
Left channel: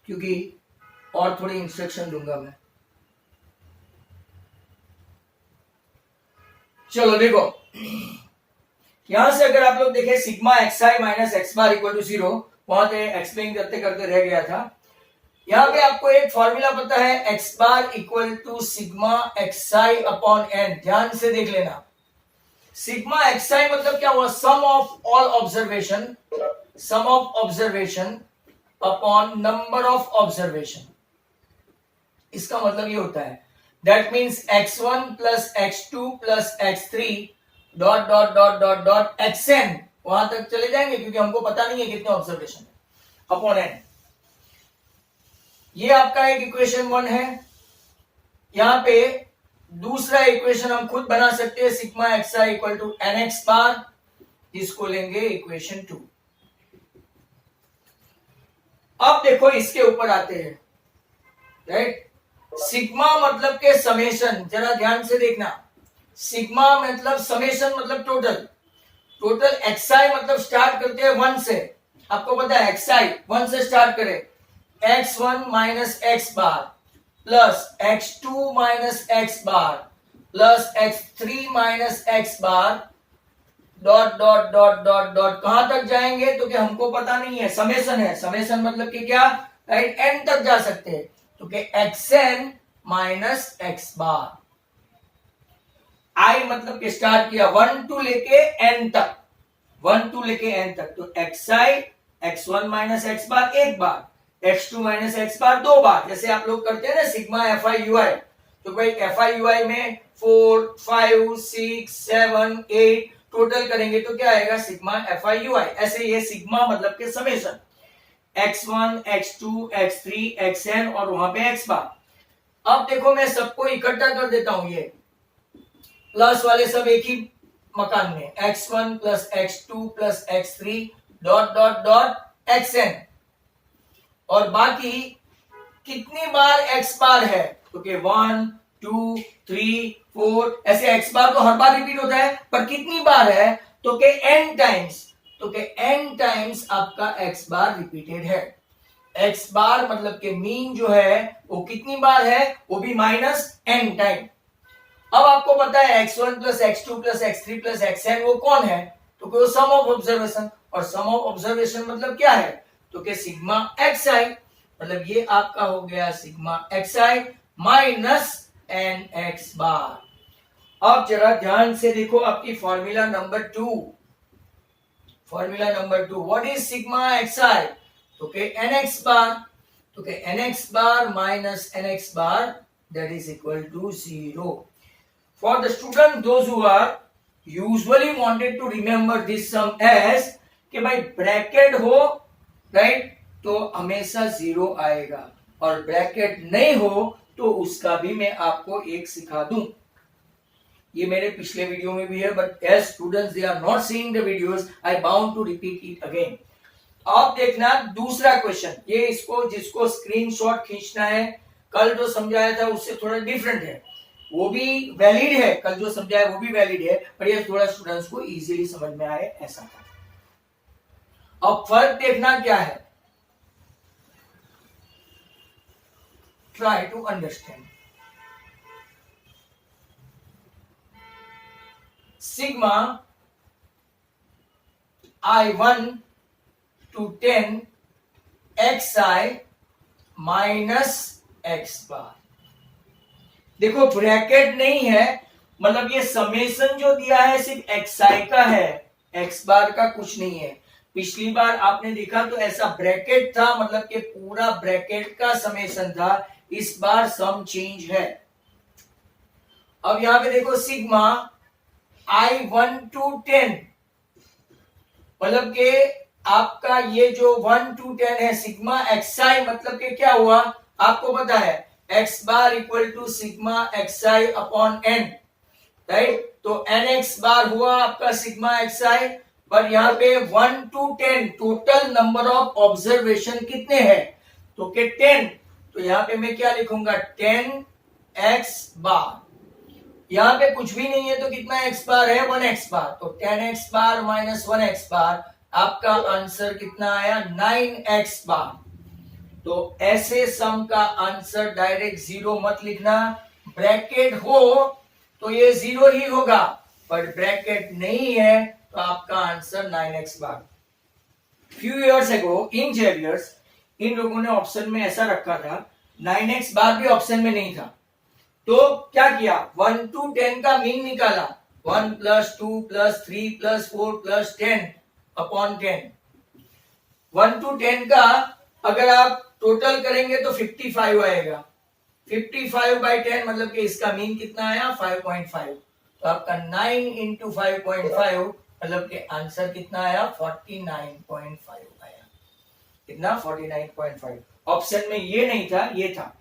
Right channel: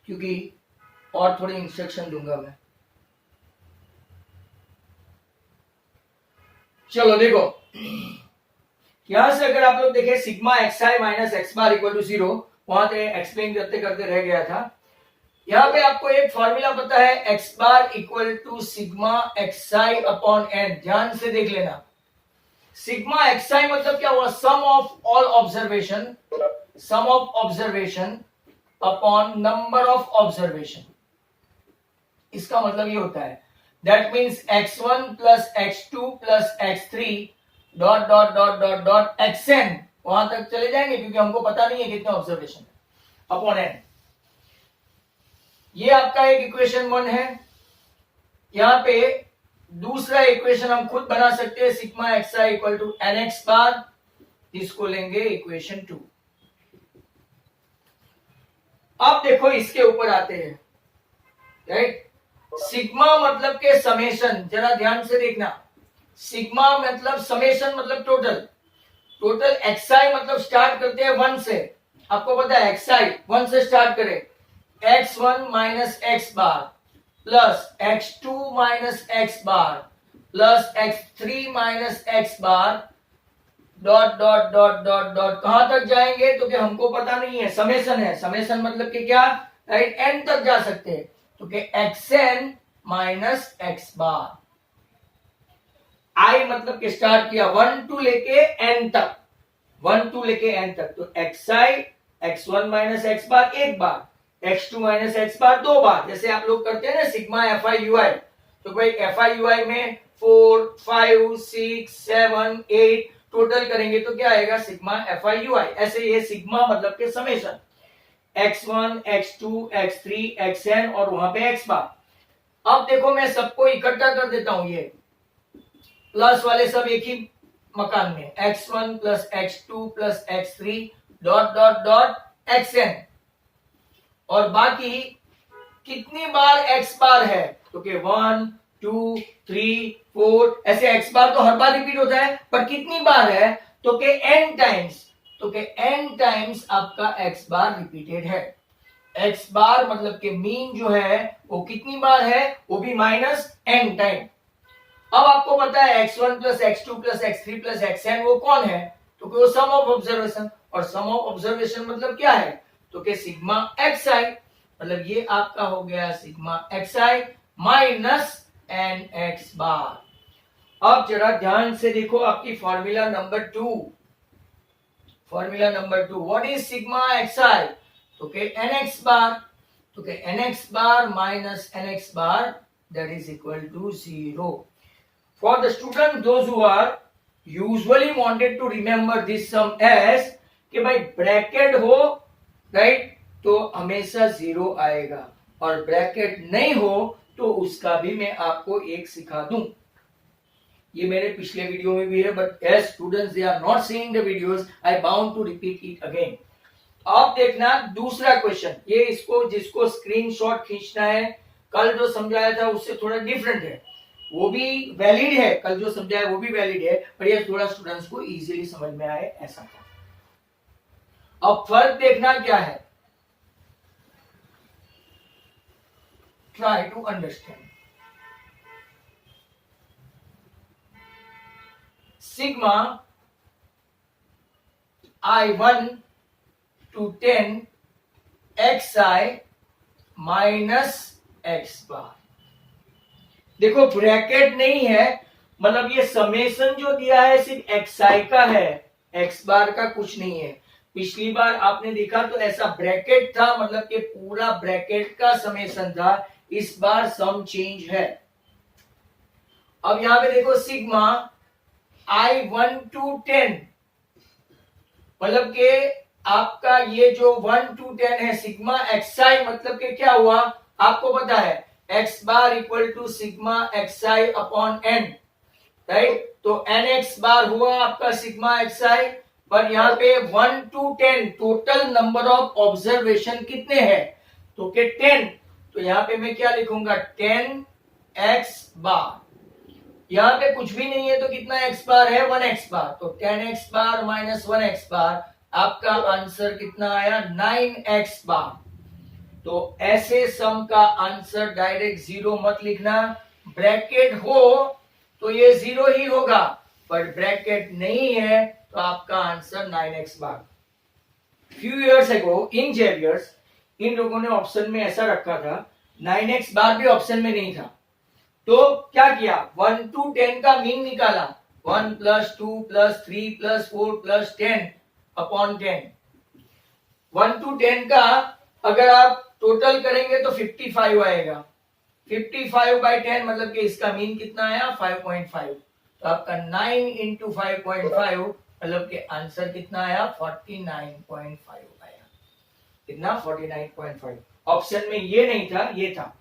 क्योंकि और थोड़ी इंस्ट्रक्शन दूंगा मैं। चलो देखो, यहां से अगर आप लोग देखें sigma x i minus x bar equal to 0, वहां से एक्सप्लेन करते करते रह गया था। यहां पे आपको एक फॉर्मूला पता है, x bar equal to sigma x i upon n. ध्यान से देख लेना, सिग्मा एक्स आई मतलब क्या हुआ, sum of all observation, sum of observation upon number of observation. इसका मतलब ये होता है, that means x1 plus x2 plus x3 dot dot dot dot dot xn, वहां तक चले जाएंगे क्योंकि हमको पता नहीं है कितने ऑब्जर्वेशन है, अपॉन n। ये आपका एक इक्वेशन 1 है। यहां पे दूसरा इक्वेशन हम खुद बना सकते हैं, sigma x i equal to n x bar, इसको लेंगे इक्वेशन 2। अब देखो इसके ऊपर आते हैं, राइट। सिग्मा मतलब के समेशन, जरा ध्यान से देखना, सिग्मा मतलब समेशन मतलब टोटल, टोटल एक्सआई मतलब स्टार्ट करते हैं 1 से, आपको पता है एक्सआई 1 से स्टार्ट करे, x1 minus x bar plus x2 minus x bar plus x3 minus x bar dot dot dot dot dot, कहां तक जाएंगे तो कि हमको पता नहीं है, समेशन है, समेशन मतलब कि क्या, राइट, n तक जा सकते हैं, तो कि xn minus x bar. i मतलब कि स्टार्ट किया 1 टू लेके n तक, 1 टू लेके n तक, तो xi x1 माइनस एक्स बार एक बार, x2 माइनस एक्स बार 2 बार, जैसे आप लोग करते हैं ना सिग्मा fi ui, तो भाई fi ui में 4 5 6 7 8 टोटल करेंगे तो क्या आएगा, सिग्मा fi ui। ऐसे ये सिग्मा मतलब के summation x1 x2 x3 xn और वहां पे x बार। अब देखो मैं सबको इकट्ठा कर देता हूं, ये प्लस वाले सब एक ही मकान में, x1 plus x2 plus x3 dot dot dot xn, और बाकी कितनी बार x बार है तो कि 1 2 3 4, ऐसे x बार तो हर बार रिपीट होता है, पर कितनी बार है तो कि n टाइम्स, तो कि n टाइम्स आपका x बार रिपीटेड है। x बार मतलब के मीन जो है वो कितनी बार है, वो भी माइनस n टाइम। अब आपको पता है x1 plus x2 plus x3 plus xn वो कौन है, तो कि वो सम ऑफ ऑब्जर्वेशन, और सम ऑफ ऑब्जर्वेशन मतलब क्या है तो कि सिग्मा xi, मतलब ये आपका हो गया sigma xi minus n x bar. अब जरा ध्यान से देखो आपकी formula number 2, formula number 2, what is sigma xi, तो के nx बार, तो के nx bar minus nx bar that is equal to 0. For the student those who are usually wanted to remember this sum as कि भाई bracket हो, right, तो हमेशा 0 आएगा, और ब्रैकेट नहीं हो तो उसका भी मैं आपको एक सिखा दूं। ये मेरे पिछले वीडियो में भी है, but as students they are not seeing the videos, I bound to repeat it again. अब देखना दूसरा क्वेश्चन, ये इसको जिसको स्क्रीनशॉट खींचना है, कल जो समझाया था उससे थोड़ा डिफरेंट है, वो भी वैलिड है, कल जो समझाया वो भी वैलिड है, पर ये थोड़ा स्टूडेंट्स को इजीली समझ में आए ऐसा था। अब फर्क देखना क्या है, try to understand. Sigma i1 to 10 xi minus x bar, देखो ब्रैकेट नहीं है, मतलब ये समेशन जो दिया है सिर्फ xi का है, x बार का कुछ नहीं है। पिछली बार आपने देखा तो ऐसा ब्रैकेट था, मतलब कि पूरा ब्रैकेट का समेशन था, इस बार सम चेंज है। अब यहां पे देखो सिग्मा i1 to 10, मतलब के आपका ये जो 1 to 10 है सिग्मा xi, मतलब के क्या हुआ आपको पता है, x bar equal to sigma xi अपॉन n, राइट, तो nx बार हुआ आपका सिग्मा xi, पर यहाँ पे 1 to 10 total number of observation कितने हैं तो के 10, तो यहाँ पे मैं क्या लिखूंगा 10 एक्स बार। यहाँ पे कुछ भी नहीं है तो कितना एक्स बार है, 1x बार, तो 10x बार माइनस 1x बार, आपका आंसर कितना आया, 9x बार। तो ऐसे सम का आंसर डायरेक्ट जीरो मत लिखना, ब्रैकेट हो तो ये जीरो ही होगा, पर ब्रैकेट नहीं है तो आपका आंसर 9x बार। फ्यू इयर्स एगो इन जेवियर्स इन लोगों ने ऑप्शन में ऐसा रखा था, 9x बार भी ऑप्शन में नहीं था, तो क्या किया, 1 to 10 का मीन निकाला, 1 + 2 + 3 + 4 + 10 अपॉन 10। 1 to 10 का अगर आप टोटल करेंगे तो 55 आएगा, 55/10 मतलब कि इसका मीन कितना आया, 5.5। तो आपका 9 × 5.5 मतलब कि आंसर कितना आया, 49.5 आया। कितना, 49.5। ऑप्शन में ये नहीं था, ये था।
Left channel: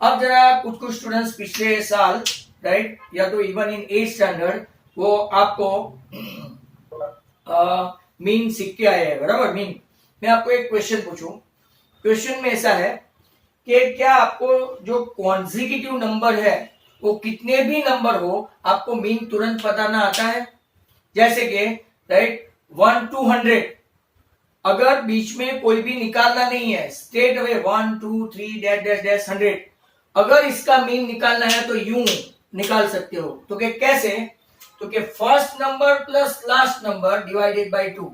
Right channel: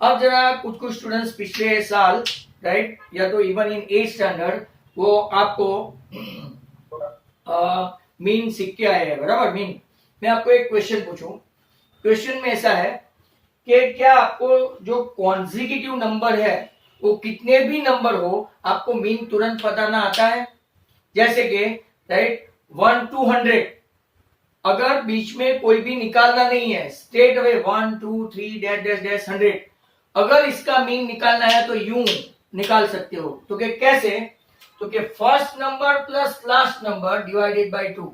अब जरा कुछ स्टूडेंट्स पिछले साल, राइट, या तो इवन इन 8th स्टैंडर्ड वो आपको मीन सीख के आए हैं, बराबर, मीन। मैं आपको एक क्वेश्चन पूछूं, क्वेश्चन में ऐसा है कि क्या आपको जो कॉन्जिक्यूटिव नंबर है वो कितने भी नंबर हो आपको मीन तुरंत बताना आता है? जैसे कि राइट 1 to 100, अगर बीच में कोई भी निकालना नहीं है, straight away 1 2 3 dash dash dash 100, अगर इसका मीन निकालना है तो यूं निकाल सकते हो। तो कि कैसे, तो कि first number plus last number divided by 2,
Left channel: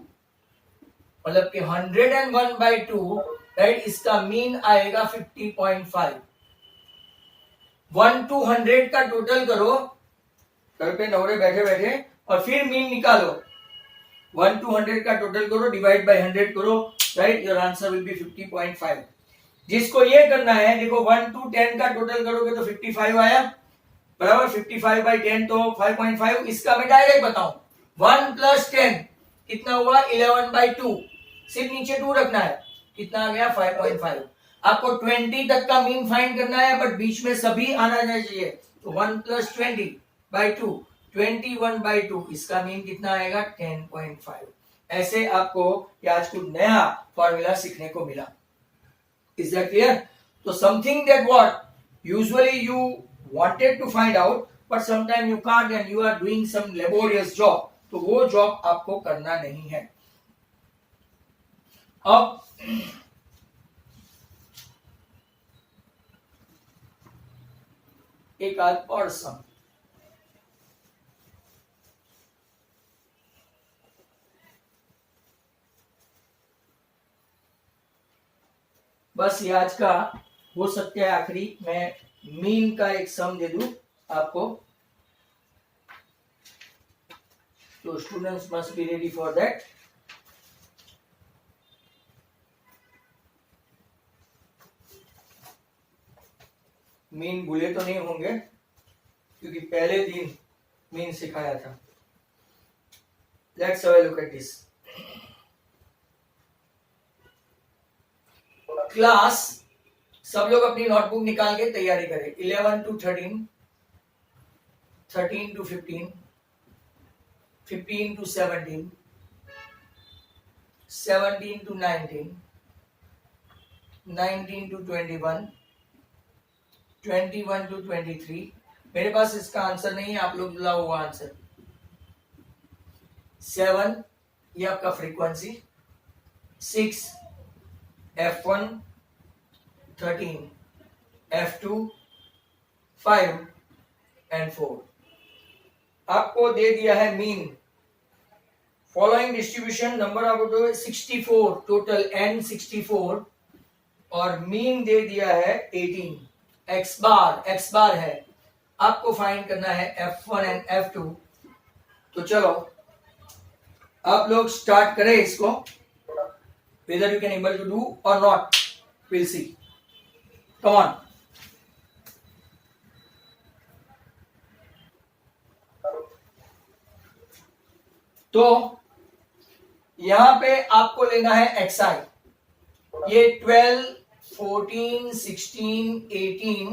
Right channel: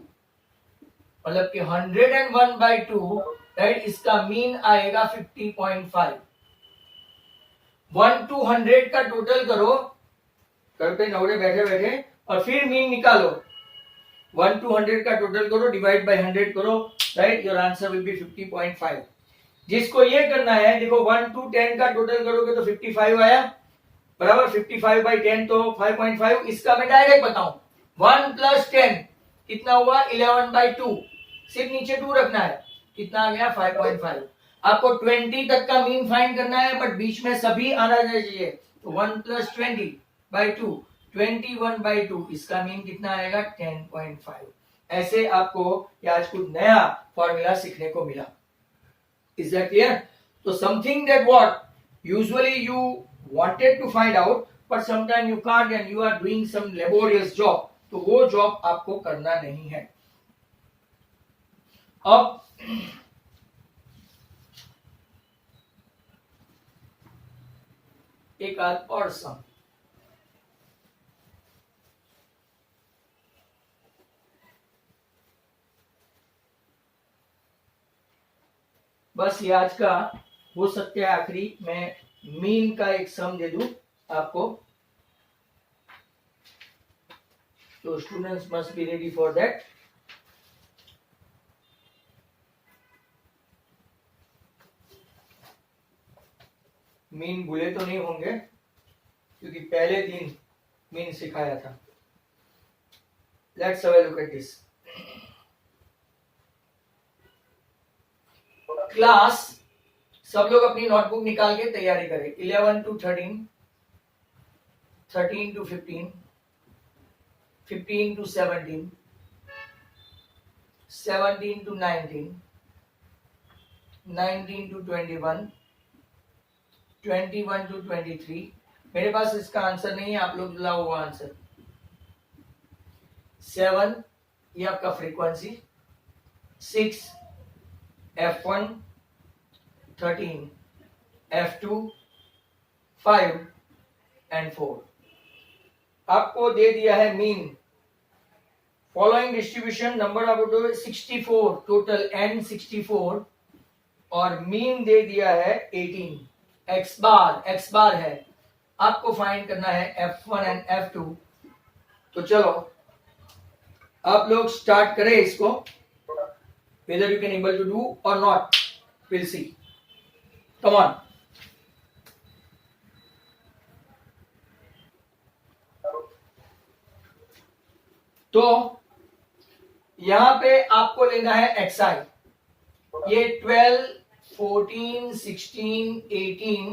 मतलब कि 101/2, राइट, इसका मीन आएगा 50.5। 1 to 100 का टोटल करो, घर पे नवरे बैठे बैठे, और फिर मीन निकालो। 1 to 100 का टोटल करो, डिवाइड बाय 100 करो, right, your answer will be 50.5। जिसको ये करना है, देखो 1 to 10 का टोटल करोगे तो 55 आया, बराबर, 55/10 तो 5.5। इसका मैं डायरेक्ट बताऊं, 1 + 10 कितना हुआ, 11/2, सिर्फ नीचे 2 रखना है, कितना आ गया, 5.5। आपको 20 तक का मीन फाइंड करना है, बट बीच में सभी आना चाहिए, तो 1 + 20/2, 21/2, इसका मीन कितना आएगा, 10.5। ऐसे आपको आज कुछ नया फॉर्मूला सीखने को मिला। Is that clear? तो something that what usually you wanted to find out, but sometime you can't and you are doing some laborious job, तो वो जॉब आपको करना नहीं है। अब एक आध और सम, बस ये आज का हो सकता है आखिरी, मैं मीन का एक सम दे दूं आपको, तो students must be ready for that. Mean भूले तो नहीं होंगे क्योंकि पहले दिन मीन सिखाया था। Let's have a look at this. Class, सब लोग अपनी नोटबुक निकाल के तैयारी करें। 11 to 13, 13 to 15, 15 to 17, 17 to 19, 19 to 21, 21 to 23। मेरे पास इसका आंसर नहीं है, आप लोग लाओ वो आंसर। 7 ये आपका फ्रीक्वेंसी, 6 F1, 13 F2, 5 and 4। आपको दे दिया है mean, following distribution, number of 64 total, n 64, और मीन दे दिया है 18। x बार है, आपको फाइंड करना है F1 एंड F2। तो चलो आप लोग स्टार्ट करें इसको, whether you can able to do or not, we'll see, come on। तो यहां पे आपको लेना है xi, ये 12 14 16 18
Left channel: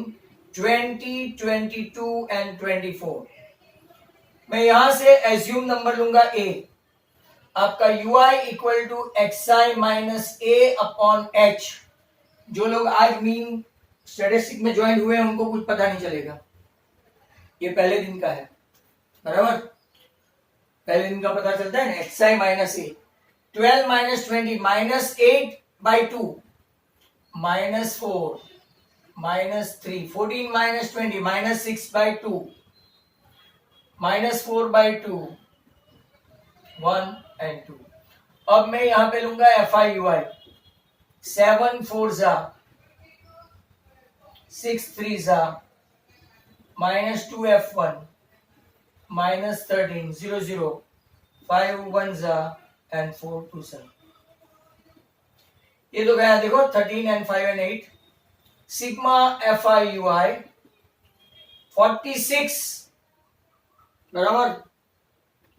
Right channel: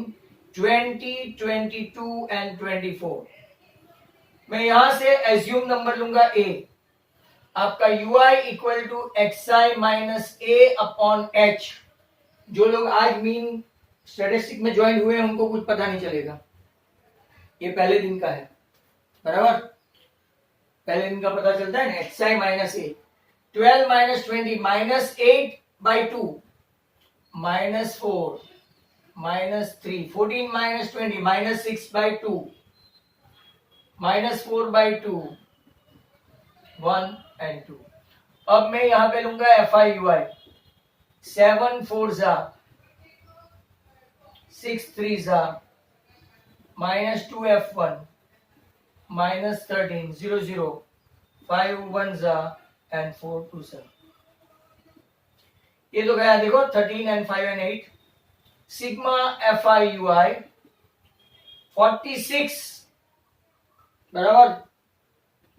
20 22 एंड 24। मैं यहां से एज्यूम नंबर लूंगा a, आपका ui equal to xi minus a upon h। जो लोग आज मीन स्टैटिस्टिक में ज्वाइन हुए उनको कुछ पता नहीं चलेगा, ये पहले दिन का है, बराबर। पहले दिन का पता चलता है ना, xi minus A, 12 minus 20 minus 8/2 minus 4 minus 3, 14 minus 20 minus 6/2 minus 4/2 1 and 2। अब मैं यहां पे लूंगा FI/UI, 7 4 6 3 minus 2F1 minus 13 0 0 5 1 and 4 2 ये तो गया देखो 13 and 5 and 8। सिग्मा FI/UI 46 बराबर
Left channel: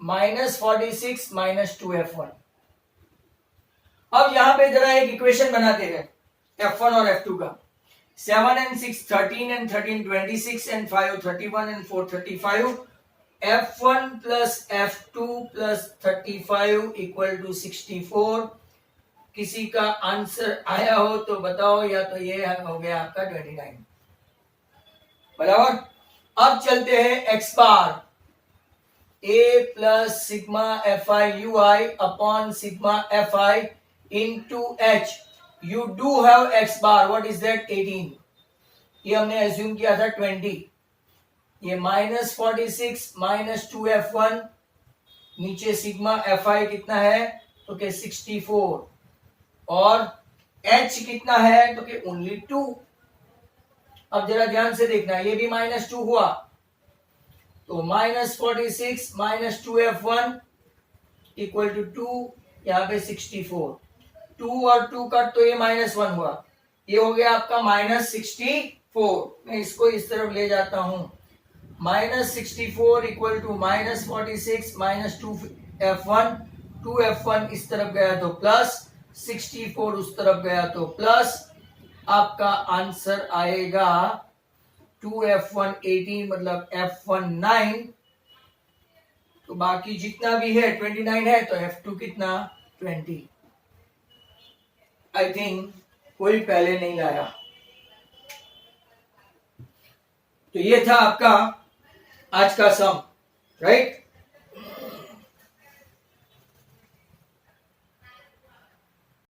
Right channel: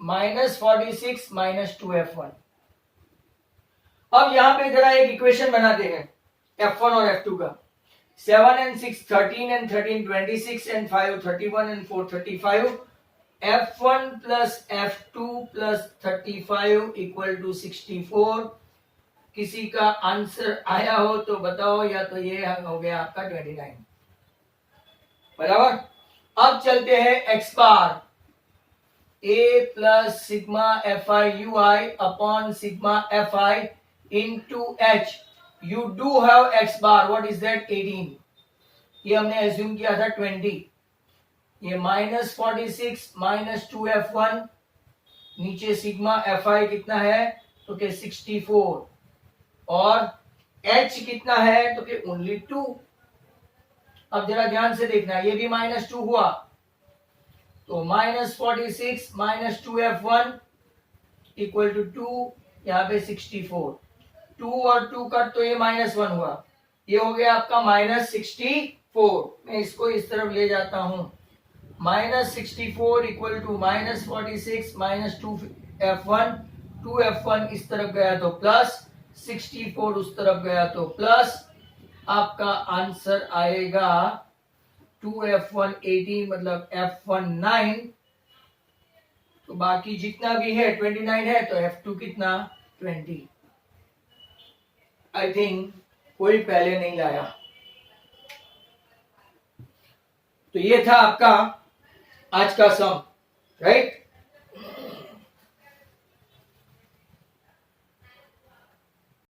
माइनस 46 माइनस 2F1। अब यहां पे जरा एक इक्वेशन बनाते हैं F1 और F2 का। 7 and 6 13 and 13 26 and 5 31 and 4 35। F1 plus F2 plus 35 equal to 64। किसी का आंसर आया हो तो बताओ, या तो ये हो गया आपका 29, बराबर। अब चलते हैं x bar, a plus sigma FI/UI upon sigma FI into H। You do have x bar, what is that? 18। ये हमने एज्यूम किया था 20। ये माइनस 46 माइनस 2F1, नीचे सिग्मा FI कितना है तो के 64, और H कितना है तो के ओनली 2। अब जरा ध्यान से देखना, ये भी -2 हुआ, तो minus 46 minus 2F1 equal to 2, यहाँ पे 64। 2 और 2 का तो ये -1 हुआ, ये हो गया आपका -64। मैं इसको इस तरफ ले जाता हूं, -64 equal to -46 minus 2F1, 2F1 इस तरफ गया तो प्लस, 64 उस तरफ गया तो प्लस। आपका आंसर आएगा 2F1 18, मतलब F1 9, तो बाकी जितना भी है 29 है, तो F2 कितना 20। आई थिंक कोई पहले नहीं लाया। तो ये था आपका आज का सम, राइट।